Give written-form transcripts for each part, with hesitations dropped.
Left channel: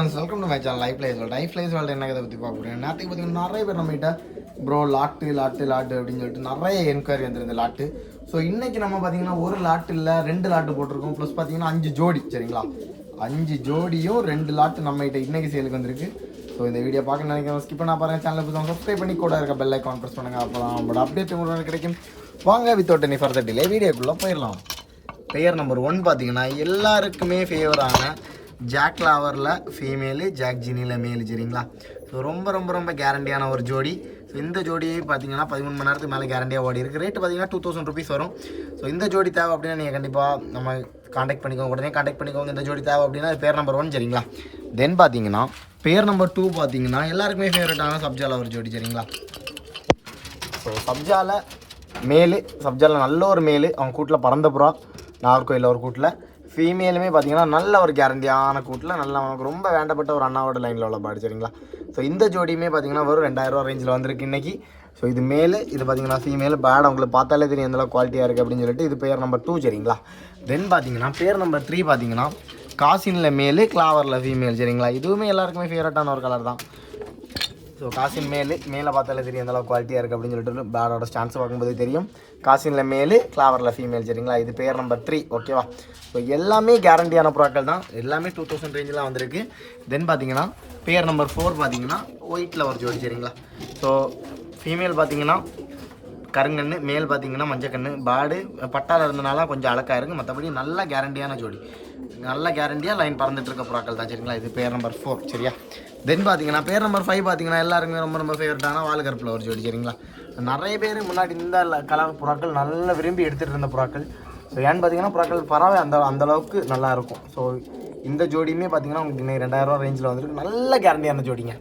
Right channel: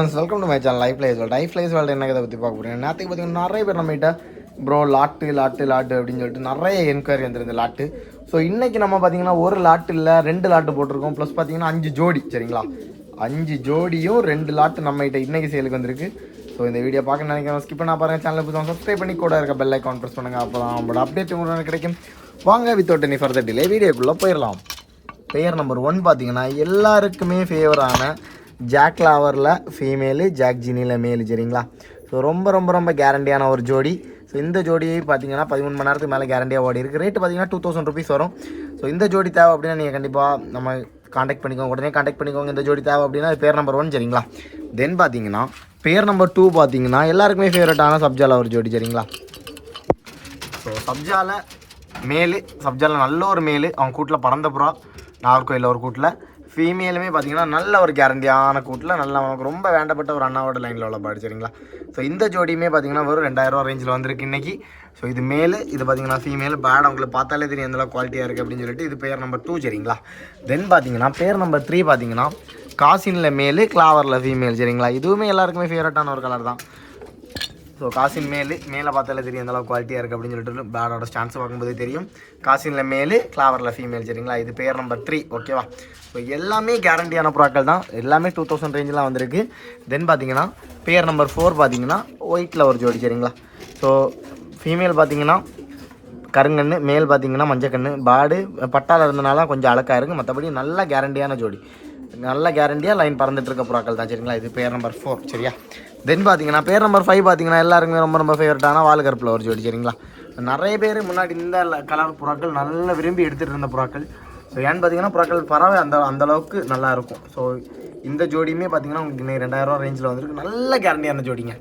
Welcome to my channel life lies world என்ன கதை பற்றி பார்க்க போகிறேன். நேற்றுக்கு பார்த்தீங்கன்னா நிறைய பேர் நம்மகிட்ட ப்ரோ லாட்டு அப்படின்னு சொல்லிட்டு நிறைய என்கொயரி வந்துருந்த லாட்டு. ஸோ இன்றைக்கி நம்ம பார்த்தீங்கன்னா ஒரு லாட்டு இல்லை 2 லாட்டு போட்டிருக்கோம். ப்ளஸ் பார்த்தீங்கன்னா 5 ஜோடி சரிங்களா, 5 ஜோடியும் 2 லாட்டு நம்மகிட்ட இன்றைக்கி சேலுக்கு வந்திருக்கு. ஸோ இந்த வீடியோ பார்க்க நினைக்கிறேன் ஸ்கிப் பண்ண பாருங்கள். சேனலை புதுசாக சப்ஸ்கிரைப் பண்ணி கூட இருக்க பெல் ஐக்கான் ப்ரெஸ் பண்ணுங்கள். அப்போ தான் நம்மளோட அப்டேட் உங்களுக்கு கிடைக்கும். வாங்க வித்தவுட் எனி ஃபர்தர் டிலே வீடியோக்குள்ளே போயிடலாம். பேர் நம்பர் 1 பார்த்தீங்கன்னா எல்லாருக்குமே ஃபேவரான ஜாக் லாவரில் ஃபீமேலு, ஜாக் ஜினியில் மேலு சரிங்களா. ஸோ ரொம்ப கேரண்டியான ஒரு ஜோடி. ஸோ இந்த ஜோடி பார்த்தீங்கன்னா 13 மணி நேரத்துக்கு மேலே கேரண்டியாக ஓடி இருக்குது. ரேட்டு பார்த்தீங்கன்னா 2000 ருபீஸ் வரும். ஸோ இந்த ஜோடி தேவை அப்படின்னா நீங்கள் கண்டிப்பாக நம்ம காண்டாக்ட் பண்ணிக்கோங்க, உடனே காண்டாக்ட் பண்ணிக்கோங்க. இந்த ஜோடி தேவை அப்படின்னா பேர் நம்பர் 1 சரிங்களா. தென் பார்த்தீங்கன்னா பேர் நம்பர் 2 பார்த்தீங்கன்னா எல்லாருக்குமே ஃபேவரட்டான சப்ஜால ஒரு ஜோடி சரிங்களா. ஸோ சப்ஜால மேலு, சப்ஜால நல்ல ஒரு மேலு, அவங்க கூட்டில் பறந்த புறா நாகர்கோயிலில் ஒரு கூட்டில். ஃபீமேலுமே பார்த்தீங்கன்னா நல்ல ஒரு கேரண்டியான கூட்டில் நல்ல நமக்கு ரொம்ப வேண்டப்பட்ட ஒரு அண்ணாவோட லைனில் உள்ள பாடு சரிங்களா. ஸோ இந்த ஜோடியுமே பார்த்தீங்கன்னா வெறும் 2000 ரூபா ரேஞ்சில் வந்திருக்கு இன்றைக்கி. ஸோ இது மேலு, இது பார்த்தீங்கன்னா ஃபீமேல். பேட் அவங்களுக்கு பார்த்தாலே தெரியும் எந்தளவு குவாலிட்டியாக இருக்குது அப்படின்னு சொல்லிட்டு. இது பேர் நம்பர் 2 சரிங்களா. தென் பார்த்தீங்கன்னா பேர் நம்பர் 3 பார்த்தீங்கன்னா காசினில் மேலு, கிளாவரில் ஃபீமேல் சரிங்களா. இதுவுமே எல்லாருக்குமே ஃபேவரட்டான ஒரு கலர் தான். ஸோ காசின் மேலே பார்த்தாலே தெரியும் எந்தளவு குவாலிட்டியாக இருக்குது அப்படின்னு சொல்லிட்டு. பேடோட ஸ்டான்ஸ் பார்க்கும்போதே தெரியும். காசினில் மேலு, கிளாவரில் ஃபீமேல் சரிங்களா. இது பேர் நம்பர் 3 ஓகேவா. ஸோ எல்லாமே கேரண்டியான ப்ராக்கள் தான், எல்லாமே 2000 ரேஞ்செலாம் வந்திருக்கு. தென் பார்த்தீங்கன்னா பேர் நம்பர் 4 பார்த்தீங்கன்னா ஒயிட்டில் ஒரு ஜோடி சரிங்களா. ஸோ ஃபீமேல் பார்த்தீங்கன்னா கருங்கண்ணு, மேல் பார்த்தீங்கன்னா மஞ்சக்கண்ணு. பேடு பட்டாவில் இருந்தனால கொஞ்சம் அழகாக இருக்குது, மற்றபடி நல்ல கேரண்டியான ஜோடி, நல்ல கேரண்டியாக லைன் பறந்துட்டு இருக்க ப்ராக்கள் தான் சரிங்களா. இது பேர் நம்பர் 4 சரியா. தென் பார்த்தீங்கன்னா பேர் நம்பர் 5 பார்த்தீங்கன்னா எல்லாருக்குமே ரொம்ப ஃபேவரட்டான வால் கருப்பில் ஒரு ஜோடி சரிங்களா. நிறைய பேர் முன்னாடி இந்த கலர் புறாக்கள் நல்லா விரும்பி எடுத்துகிட்டு இருந்த புறாக்கள். ஸோ ஏன்னு பார்த்தீங்கன்னா புறாக்கள் பறவை அந்தளவுக்கு நல்லா இருக்கும். ஸோ இந்த ஜோடியுமே பார்த்தீங்கன்னா உங்களுக்கு இன்னைக்கு 2000 ரூபா ரேஞ்சில் வந்துருக்கு. நல்ல கேரண்டியான ஜோடிங்க,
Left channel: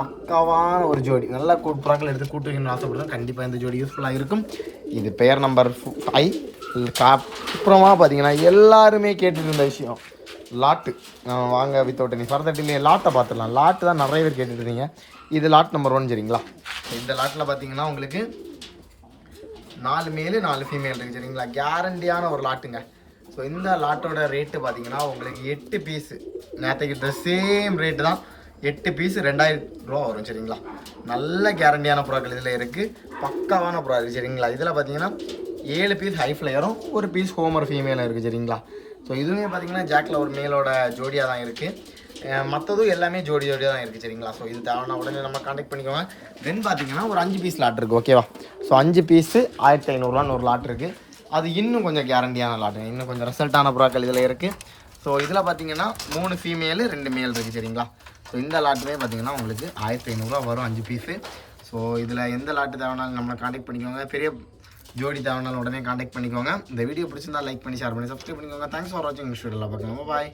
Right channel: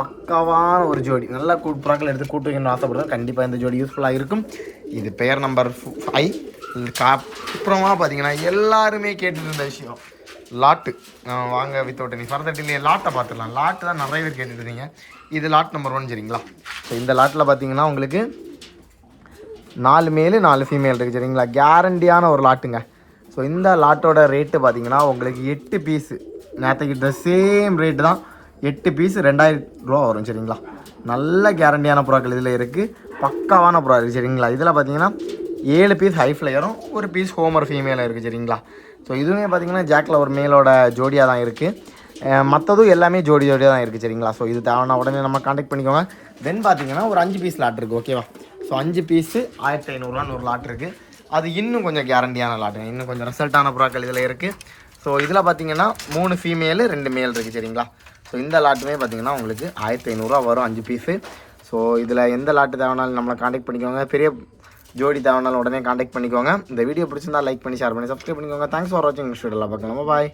பக்காவான ஒரு ஜோடி. நல்லா புறாக்கள் எடுத்து கூட்டு வைக்கணும்னு ஆசைப்படுறேன். கண்டிப்பாக இந்த ஜோடி யூஸ்ஃபுல்லாக இருக்கும். இது பேர் நம்பர் 5. அப்புறமா பார்த்தீங்கன்னா எல்லாருமே கேட்டுட்டு இருந்த விஷயம் லாட்டு. வாங்க வித்தவுட் எனி ஃபர்தர் டிலே லாட்டை பார்த்துடலாம். லாட்டு தான் நிறைய பேர் கேட்டுட்டு இருந்தீங்க. இது லாட் நம்பர் 1 சரிங்களா. ஸோ இந்த லாட்டில் பார்த்தீங்கன்னா உங்களுக்கு 4 மேலு 4 ஃபீமேல் இருக்குது சரிங்களா. கேரண்டியான ஒரு லாட்டுங்க. ஸோ இந்த லாட்டோட ரேட்டு பார்த்தீங்கன்னா உங்களுக்கு 8 பீஸு நேற்றுக்கு இந்த சேம் ரேட்டு தான். 8 பீஸு 2000 ரூபா வரும் சரிங்களா. நல்ல கேரண்டியான புறாக்கள் இதில் இருக்குது, பக்காவான புறா இருக்குது சரிங்களா. இதில் பார்த்தீங்கன்னா 7 பீஸ் ஹை ஃப்ளையரும் 1 பீஸ் ஹோமர் ஃபீமேலும் இருக்குது சரிங்களா. ஸோ இதுவுமே பார்த்தீங்கன்னா ஜாக்கில் ஒரு மேலோட ஜோடியாக தான் இருக்குது. மற்றதும் எல்லாமே ஜோடியாக தான் இருக்குது சரிங்களா. ஸோ இது தேவைன்னா உடனே நம்ம காண்டாக்ட் பண்ணிக்கோங்க. தென் பார்த்தீங்கன்னா ஒரு 5 பீஸ் லாட் இருக்குது ஓகேவா. ஸோ 5 பீஸு 1500 ஒரு லாட் இருக்குது. அது இன்னும் கொஞ்சம் கேரண்டியான லாட்டுங்க, இன்னும் கொஞ்சம் ரிசல்ட்டான புறாக்கள் இதில் இருக்குது. ஸோ இதில் பார்த்தீங்கன்னா 3 ஃபீமேலு 2 மேல் இருக்குது சரிங்களா. ஸோ இந்த லாட்டுமே பார்த்தீங்கன்னா உங்களுக்கு 1500 வரும் 5 பீஸு. ஸோ இதில் எந்த லாட்டு தேவைனாலும் நம்மளை காண்டாக்ட் பண்ணிக்கோங்க. பெரிய ஜோடி தேவைனாலும் உடனே காண்டாக்ட் பண்ணிக்கோங்க. இந்த வீடியோ பிடிச்சிருந்தா லைக் பண்ணி ஷேர் பண்ணி சப்ஸ்கிரைப் பண்ணிக்கோங்க. தேங்க்ஸ் ஃபார் வாட்சிங். நெக்ஸ்ட் வீடியோவில் பார்க்கலாம். பாய்.